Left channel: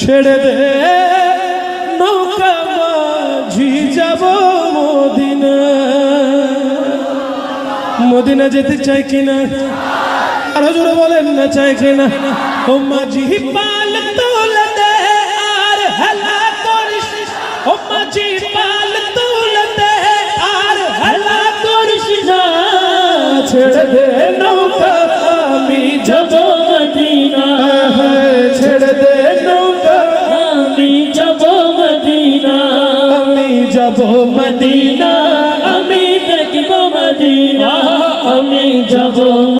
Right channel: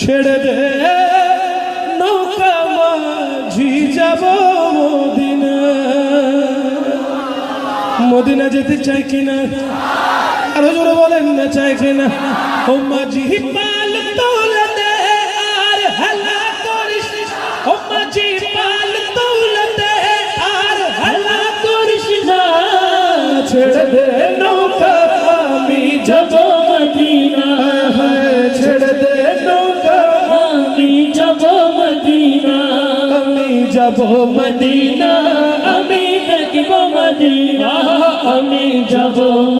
ছেড়ে দে নৌকা মাঝি যাব মদিনা। মদিনা যেতে চাই কিনা আরো জোরে বলেন না চাই কিনা। ও মাঝি পাল তোলে দে আর হেলা করিস, ও মাঝি পাল তোলে দে আর হেলা করিস না, ছেড়ে দে নৌকা